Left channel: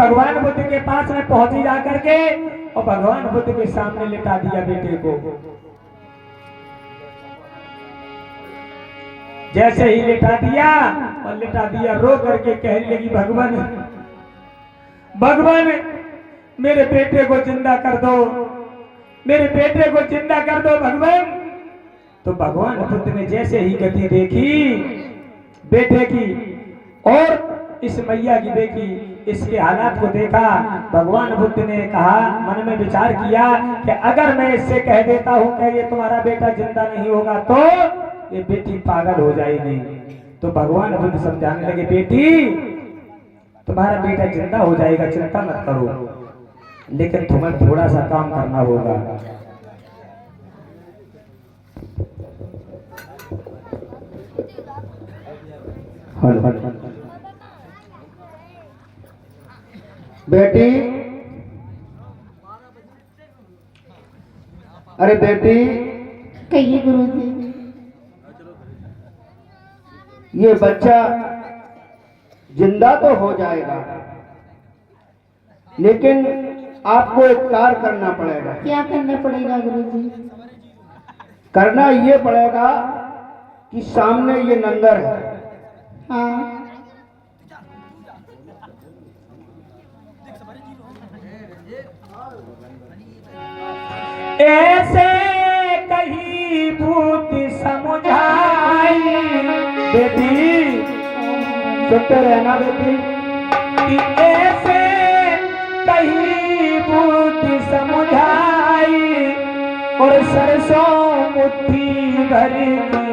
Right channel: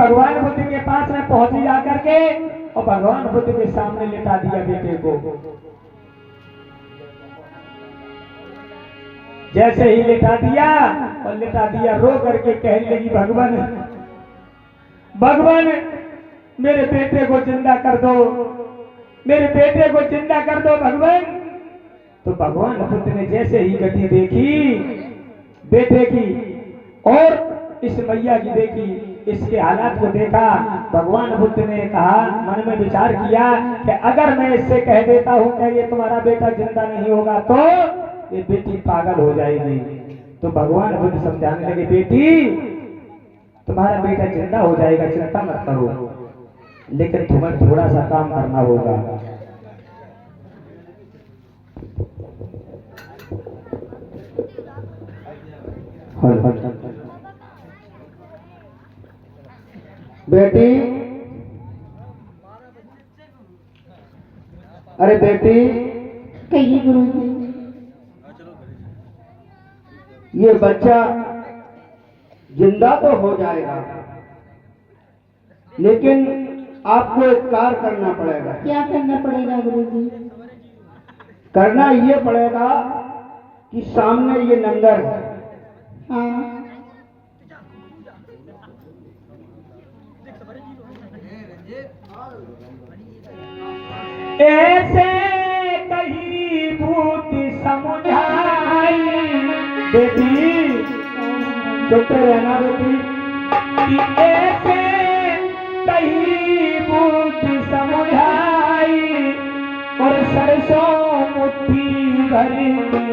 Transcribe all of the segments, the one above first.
भगवान बुद्ध के पास में पहुंची जाकर के और भगवान बुद्ध के सामने लिटा दिया बेटे को। जैसे ही लिटा दिया रो करके कहने लगी, भगवान भगवान मेरे बेटे को जिंदा कर दो, मेरे बेटे को जिंदा कर दो भगवान। तो भगवान बुद्ध ने जैसे ही गति देखी बेटे की और इस मैया की देखी, इसके हालात को देखा, भगवान बुद्ध ने कहा, मन में विचार किया कि अगर मैं इससे कह देता हूं कि ये तुम्हारा बेटा जिंदा नहीं होगा तो ये बेटी पागल हो जाएगी। तो भगवान बुद्ध समझाने लगे, बेटी तुम्हारा बेटा जिंदा हो जाएगा, चिंता मत करो, लेकिन तुम्हें थोड़ा सा काम करना होगा। बेटी, अरे बेटी, कहिए गुरुजी। ये बच्चा जिंदा तो हो जाएगा, लेकिन आपको एक कार्य करना पड़ेगा। क्या करना पड़ेगा गुरुजी? करना ये पड़ेगा कि सामने ये नंगर है, हाँ ऐसे कहीं भूत समझाई, बेटी सुनते रहना बेटी, कि ऐसे कहीं भूत समझाई और सरसों मुट्ठी भर के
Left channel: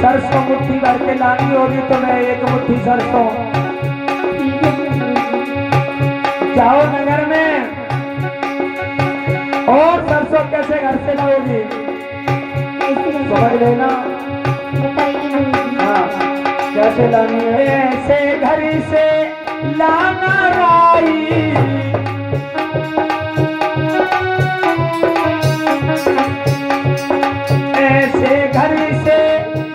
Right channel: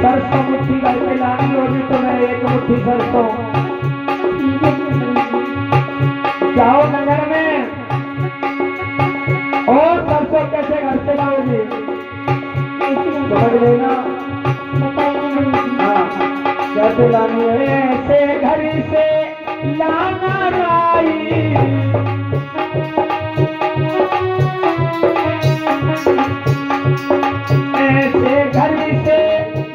सरसों मुट्ठी भर के लानी होगी तो मैं एक मुट्ठी सरसों जाओ नगर में। और सरसों कैसे घर से लाओगी समझ लेना। हाँ, कैसे लानी है? ऐसे घर से लाना राई, ऐसे घर से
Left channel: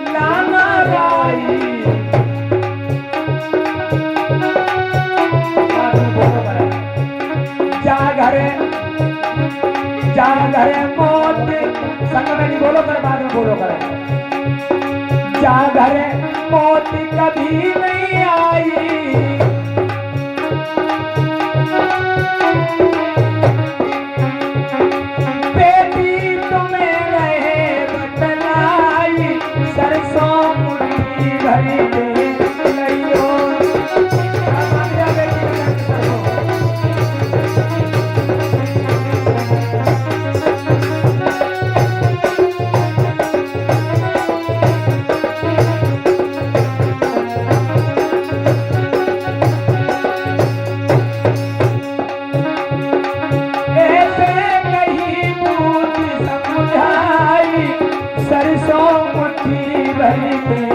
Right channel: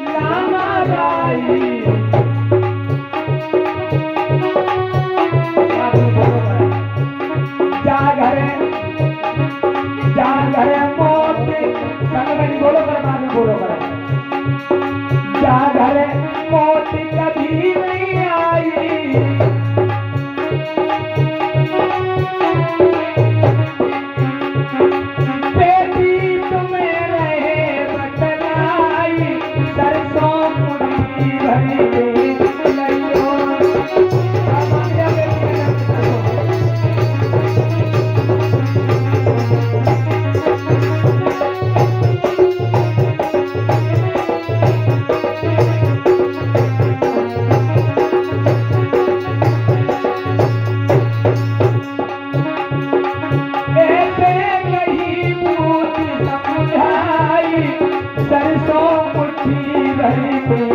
लाना राई, जा घर मौत संग में नहीं बोलो कर, बाद में बोलो कर। जा घर मौत कभी नहीं आई, बेटी तुम्हें रहे बतलाई, सरसों मुट्ठी भरी में लइयो। सरसों मुट्ठी भरी में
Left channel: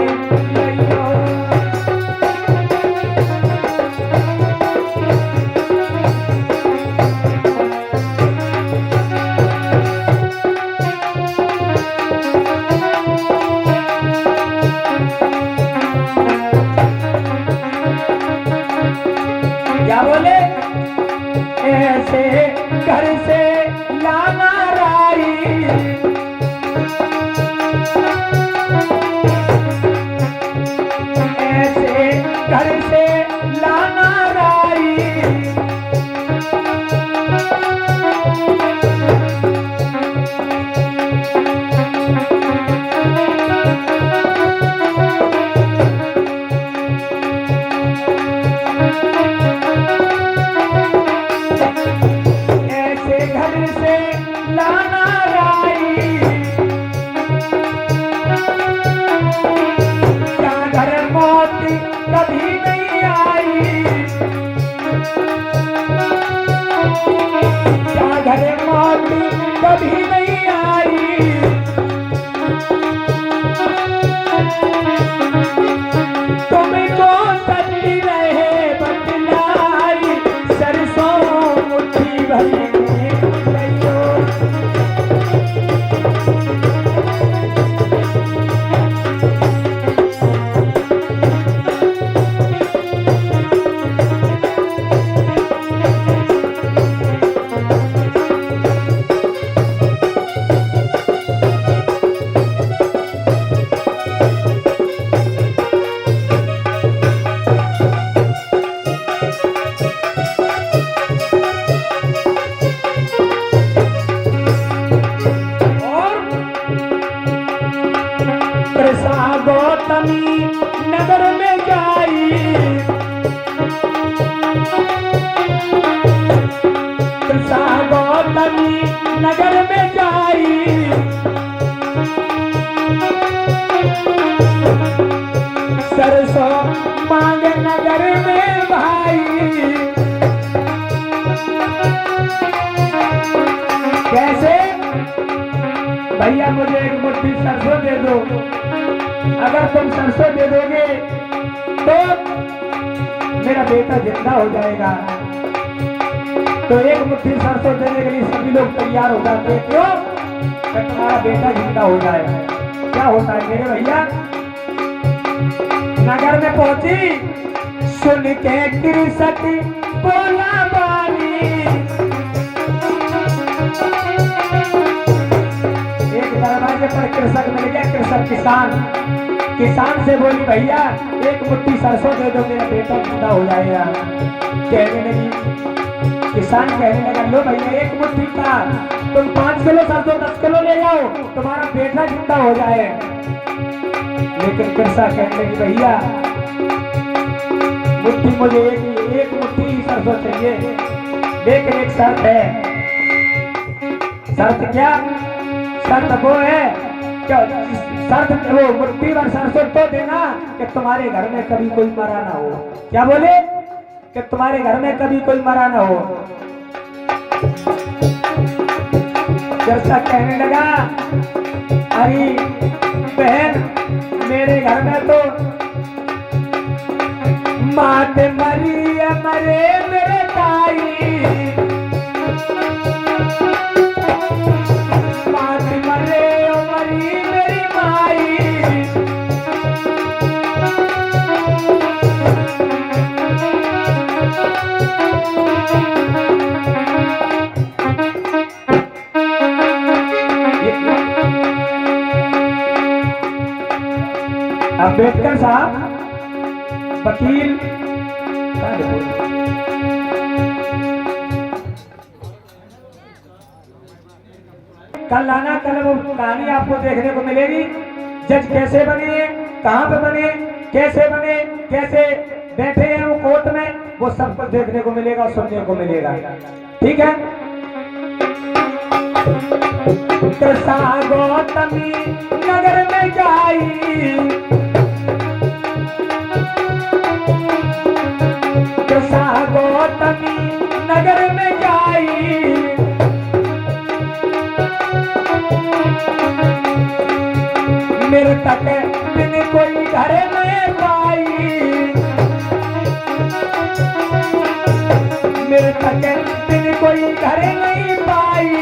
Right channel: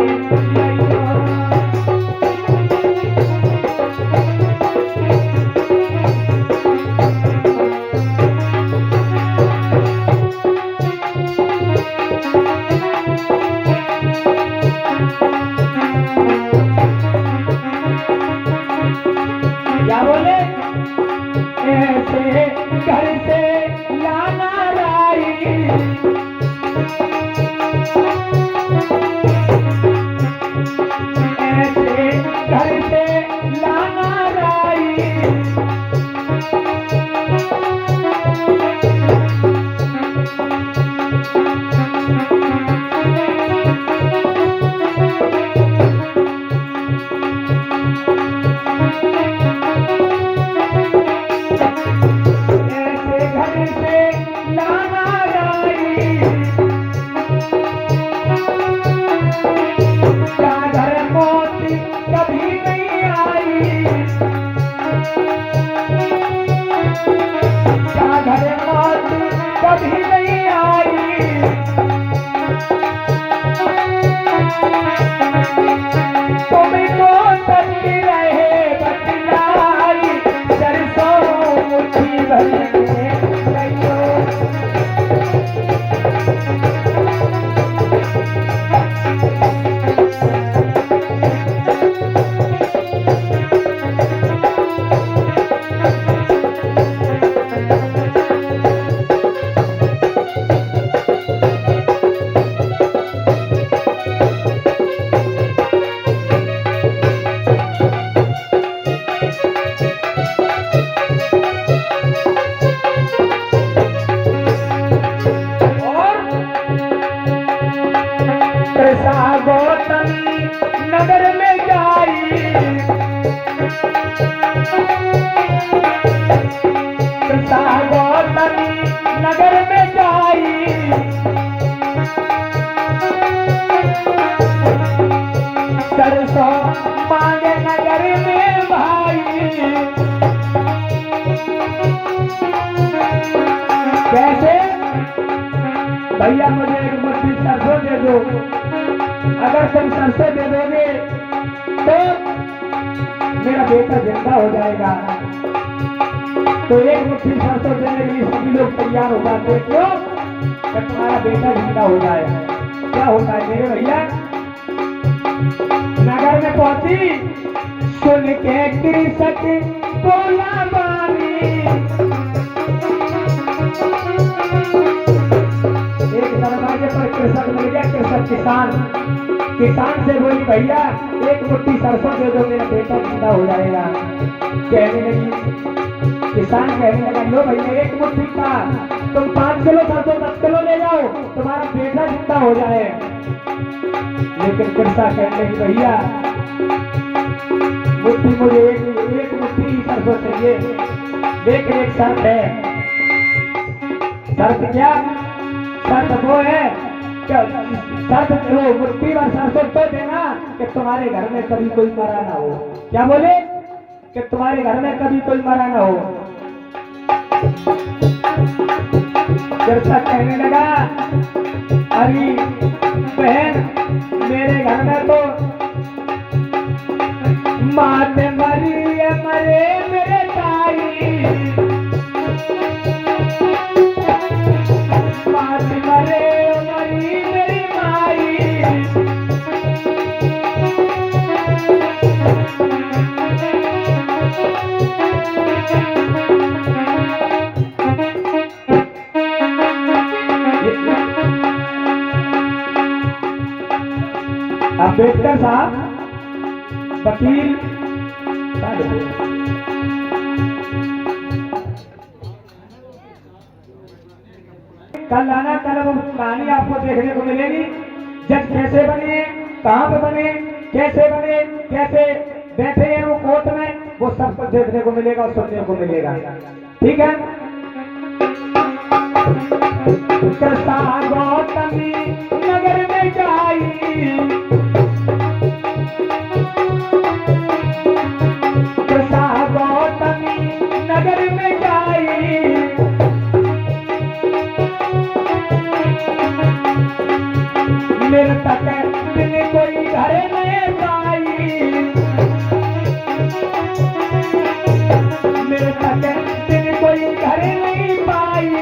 लइयो। क्या बोले? ऐसे घर से लाना राई, ऐसे घर से लाना राई, ऐसे घर से लाना राई, क्या घर मौत कभी नहीं आई, क्या घर मौत कभी नहीं आई, तुमको सच रहे बतलाई, सरसों भैया मुझे एक मुट्ठी सरसों दे दो। अगर तुम सरसों दे दोगे तो मेरा बेटा जिंदा हो जाएगा। तो एक मुट्ठी सरसों देने के लिए सभी लोग तैयार हो जाते हैं। क्यों? कि तुम्हारा बेटा जिंदा हो जाए। क्या होता है मेरे भैया? नगर में पहुंची, सुन के कृषक बोला बानी। एक दरवाजे पर कृषक मिल गया, कृषक किसान से बोली भैया एक मुट्ठी सरसों दे दो, मेरा बेटा जिंदा हो जाएगा। कहने लगी, किसान कहने लगा, लो भैया एक मुट्ठी का तुम 5 किलो सरसों 10 किलो ले जाओ, तुम्हारा बेटा जिंदा हो जाए। लेकिन कृषक कहने लगी, भैया मुट्ठी मुझे एक मुट्ठी ही सरसों चाहिए, लेकिन एक शर्त है। शर्त क्या? शर्त वो है, शर्त वो मुट्ठी भर सरसों तो देना कि तुम्हारे घर में कभी कोई मरा ना हो। क्या बोले? कि तुम्हारे घर में कभी कोई मरा ना हो। कृषक कहने लगा, अरे बहन मेरे घर में तो मात मरी है, मरे मेरे ताई, मात मरे मरी मेरी माई। अम्बेडकर साहब वकील कल आना, कल वो कहानी आपको देखने को मिलेगी। जज कैसे बने, कहाँ पे बने, कैसे बने, कैसे बैठे हैं वो कोर्ट में, वो सब कुछ देखने को मिलेगा और सुनने को मिलेगा। ठीक है? कृष्णा गौतमी नगर में जाई, कृष्णा गौतमी नगर में जाई, मेरे तक बिन कोई घर में पाई, मेरे तक बिन कोई घर नहीं पाई।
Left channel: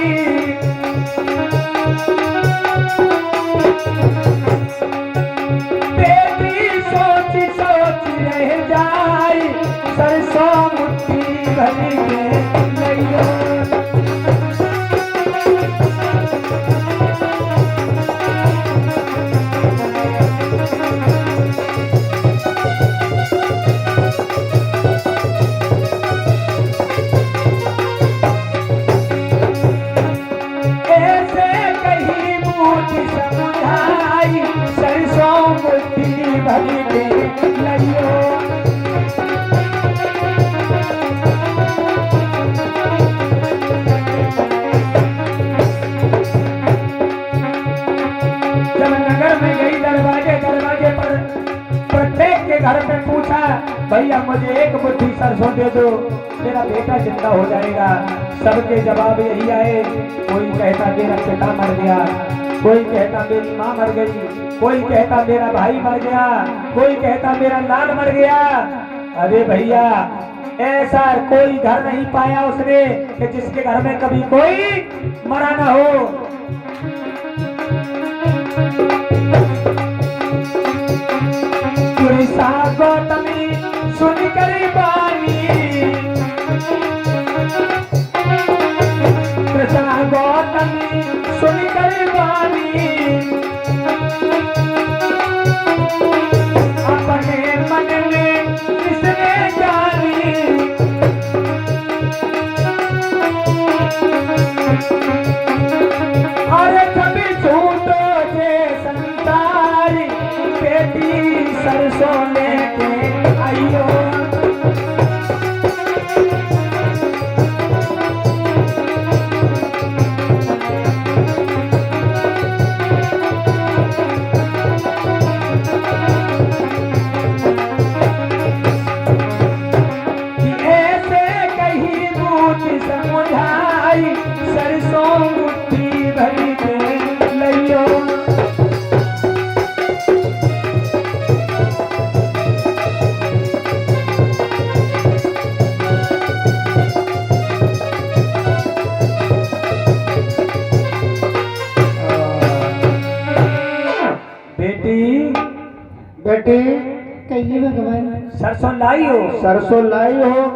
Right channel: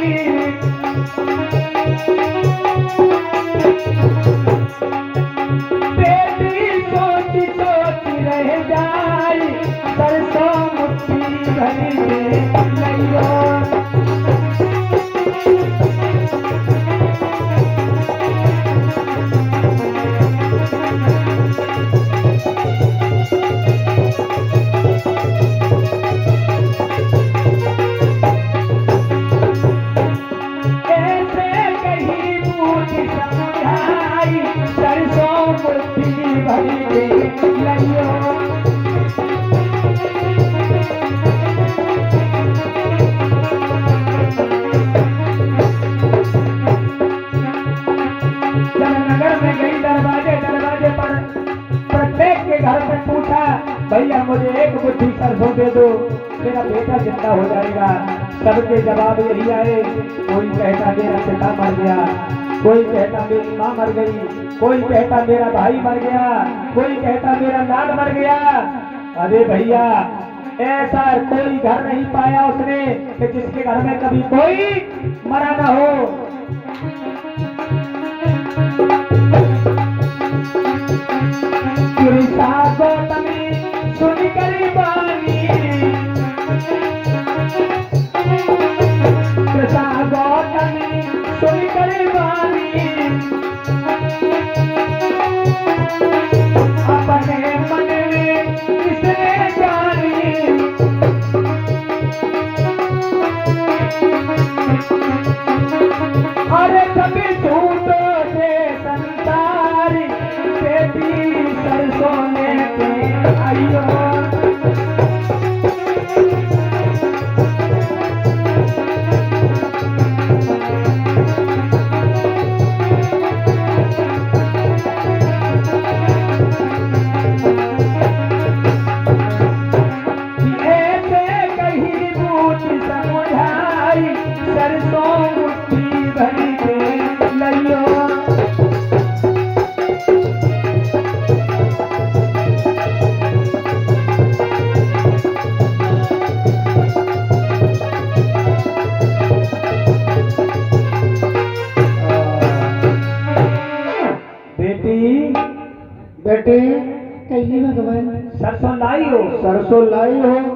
बेटी सोच सोच रह जाई, सरसों मुट्ठी भरी में लइयो। सरसों मुट्ठी भरी में लइयो। जब नगर में गई, दरवाजे पर प्रत्येक के घर में पूछा, भैया मुझे एक मुट्ठी सरसों दे दो, मेरा बेटा जिंदा हो जाएगा। सबके जवाब यही आए, कोई कहता मेरा पिता मर गया, कोई कहता मेरी माँ मर गई, कोई कहता मेरा भाई मर गया, कोई कहता मेरा लाल मर गया। अरे भैया ऐसा कोई घर नहीं पाया उसने कि जिसके घर में कभी कोई मरा ना हो। कृष्णा गौतमी सुन करी बानी, कृष्णा गौतमी सुन करी बानी, अपने मन में किसने जानी। अरे कभी झूठो से संसार कहिए भगवान। सरसों लाई हो? सरसों लाई हो?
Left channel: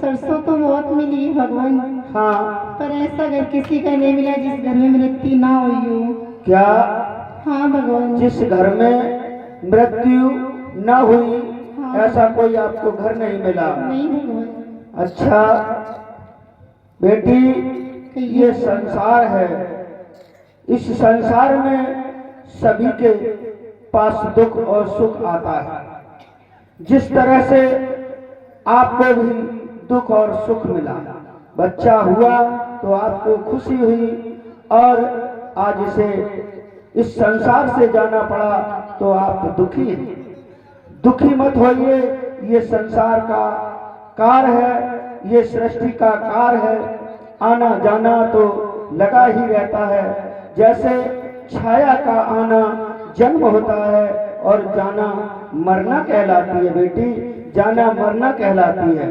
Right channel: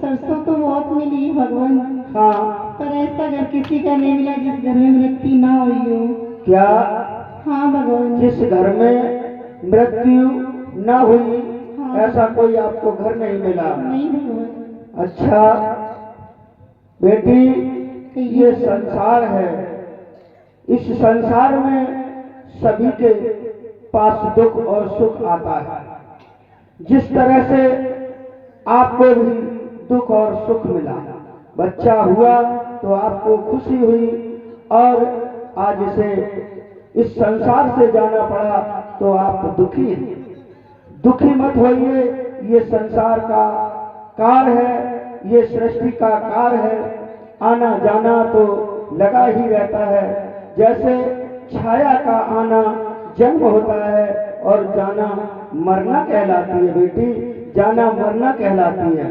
सरसों तो बहुत मिली भगवान, हाँ। पर ऐसा घर किसी का नहीं मिला जिस घर में मृत्यु ना हुई हो। क्या? हाँ भगवान। जिस घर में मृत्यु न हुई, हाँ। ऐसा कोई आपको घर नहीं मिला? नहीं भगवान। अच्छा बेटी, ये संसार है, इस संसार में सभी के पास दुख और सुख आता है। जिस तरह से आपको भी दुख और सुख मिला, बच्चा हुआ तो आपको खुशी हुई, और आज इसे इस संसार से जाना पड़ा तो आप दुखी हैं। दुखी मत होइए, ये संसार का कार है, ये सृष्टि का कार है, आना जाना तो लगा ही रहता है। जैसे छाया का आना जन्म होता है और जाना मरना कहलाती है बेटी, जाना मरना कहलाती है।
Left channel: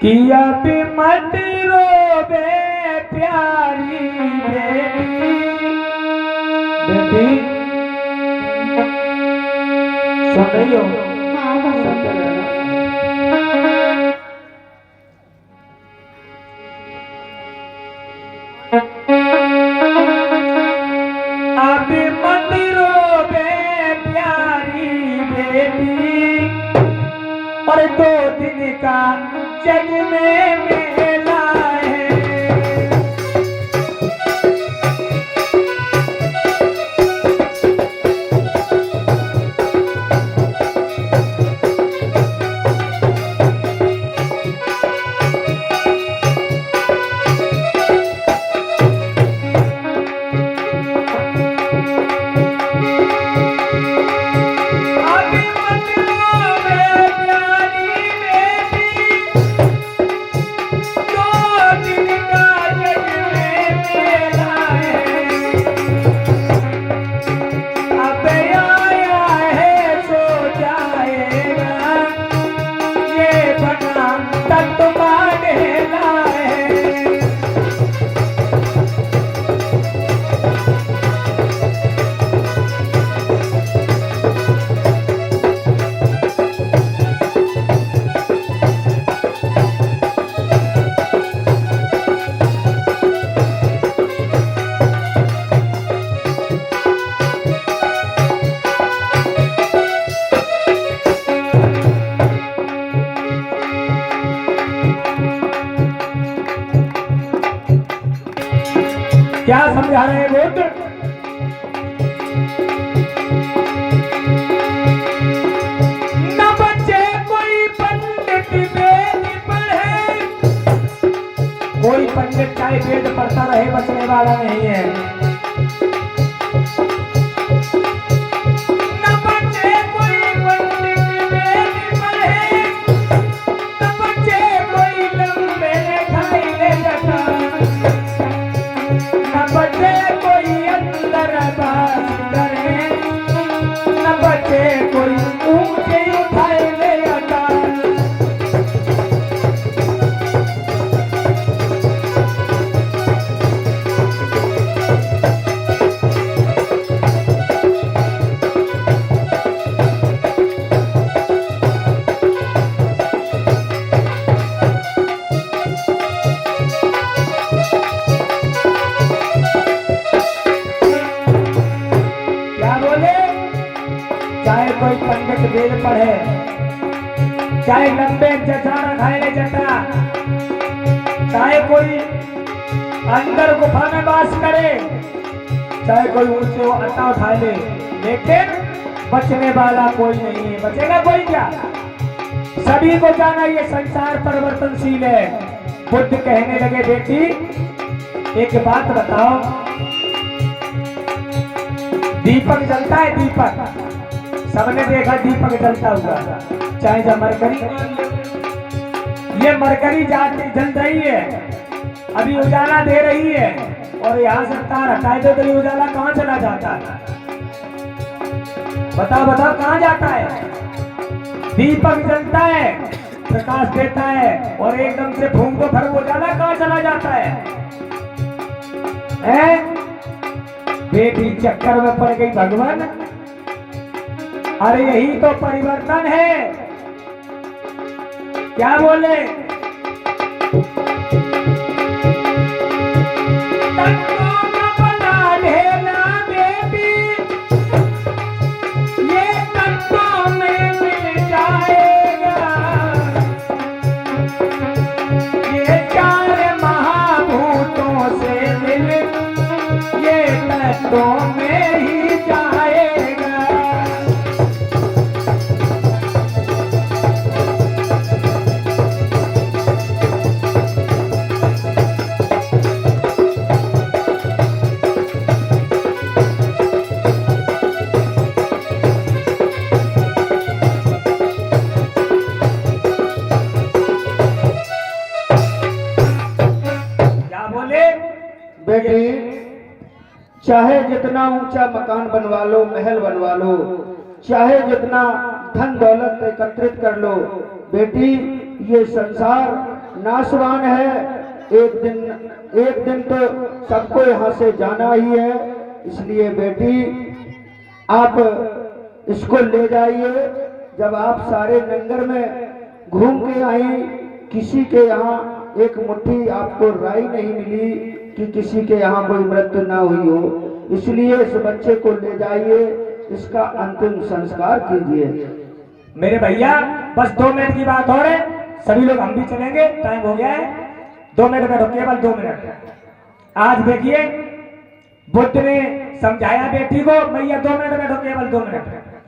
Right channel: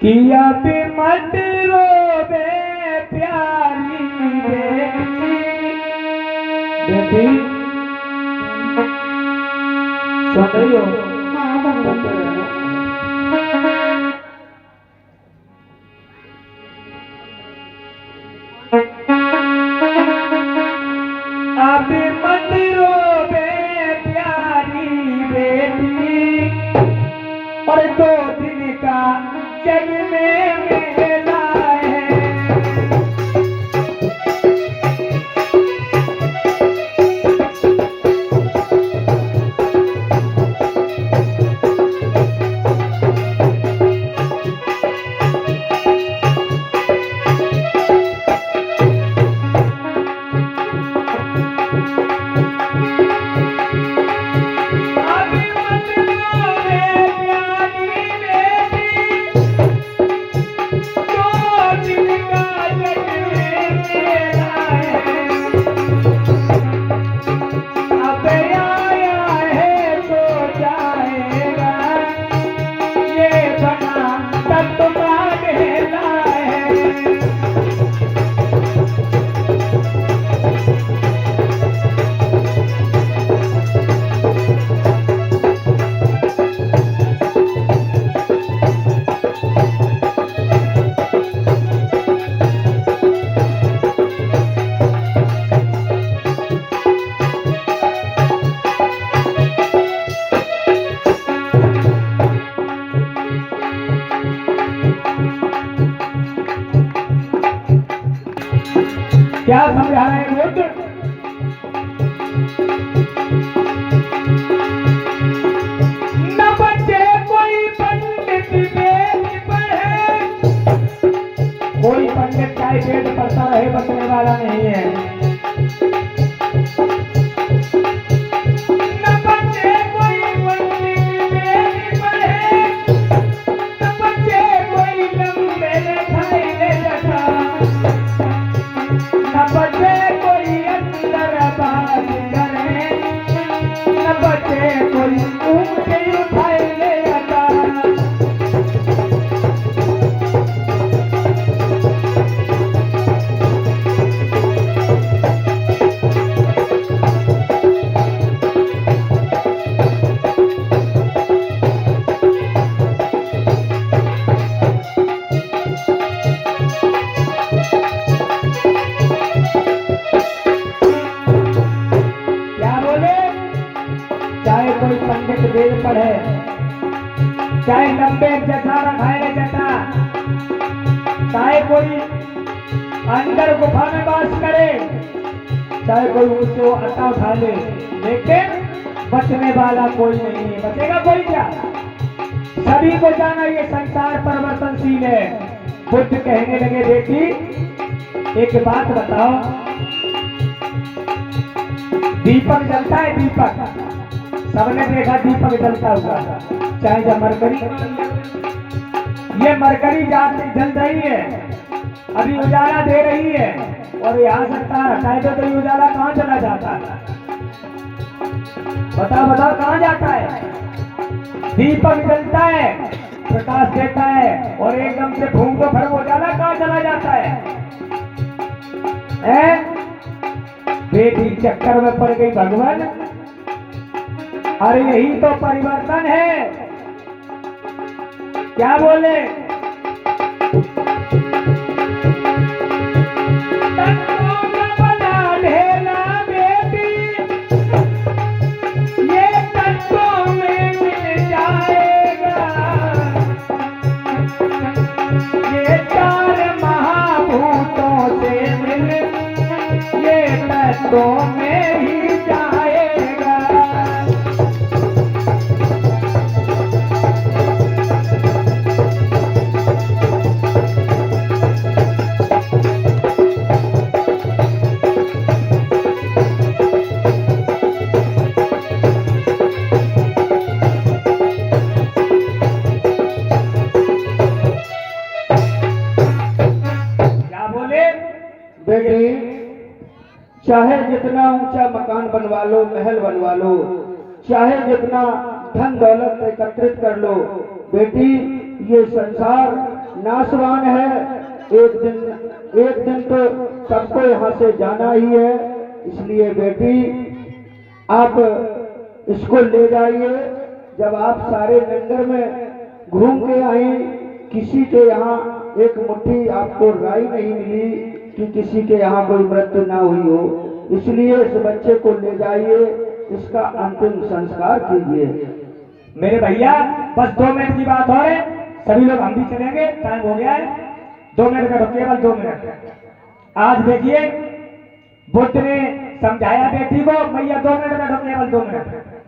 किया पे मत रोवे प्यारी बेटी, बेटी सुन रही हो? हाँ भगवान। आप मत रोवे प्यारी बेटी, और 2 दिन का जग में मेला है। क्या समझा रहे बुद्ध? न बच्चे कोई पंडित वेद पढ़े, कोई पंडित चाहे वेद पढ़ता रहे बचने वाला नहीं है। न बच्चे कोई पंडित वेद पढ़े, न बच्चे कोई लंबे लिखाई ले जाता, न बच्चे कोई अंदर बात करे, न बच्चे कोई ऊंचे उठाए ले आता। क्या बोले? चाहे कोई पंडित वेद पढ़े, चाहे लंबे जटारा खाए जटा, चाहे कोई अंदर गुफा में वास करे, चाहे कोई ऊंचे अट्टा उठा ले, लेकिन बचने वाला कोई नहीं है। बचेगा कोई क्या? सभी को जाना ये संसार परिवर्तनशील है। बुद्ध कहने लगे बेटी एक बात बताओ, दीपक जलता है, दीपक सबने देखा दीपक जलता हुआ, चाहे जब मरकरी, ये मरकरी जाती जल रही है, अभी उजाला दे रही है, और यहाँ से तार हटाए तो ये उजाला कहाँ चला जाता है? बताओ बताओ कहाँ जाता है? दीपक जलता है, प्रकाश देता है, और एकदम से फूंक दो फिर उजाला कहाँ चला जाता है? बेटी चक्कर में पड़ गई भगवान, अरे यही तो परिवर्तन है। क्या बोले? तत्वों का बना ढेला बेटी, ये तत्वों में मिल जाएगा। ये चार महाभूतों से मिल, ये तत्वों में ही जाएगा। क्या बोले? बेटी, चाहे जितना ऊंचा मकान बनवा लो, महल बनवा लो, चाहे जितना धन दौलत एकत्रित कर लो, बेटी ये संसार नाशवान है। एक दिन तो सबको यहाँ से जाना ही है। इसलिए बेटी आप इसको ले जाइए। जब आप सारे नगर में घूम के आई, किसी के यहाँ एक मुट्ठी आपको राई नहीं मिली कि किसी के यहाँ कोई मृत्यु ना हुई हो। इसलिए इस बच्चे को ले जाइए, इसका अंतिम संस्कार कीजिए। मेरे भैया बस 2 मिनट की बात और है, सभी लोग हम भी चलेंगे, टाइम हो गया है। 2 मिनट बैठो, केवल 2 मिनट। आज देखिए बुद्ध ने समझाया बेटी को, भैया 2 मिनट बैठो, केवल 2 मिनट।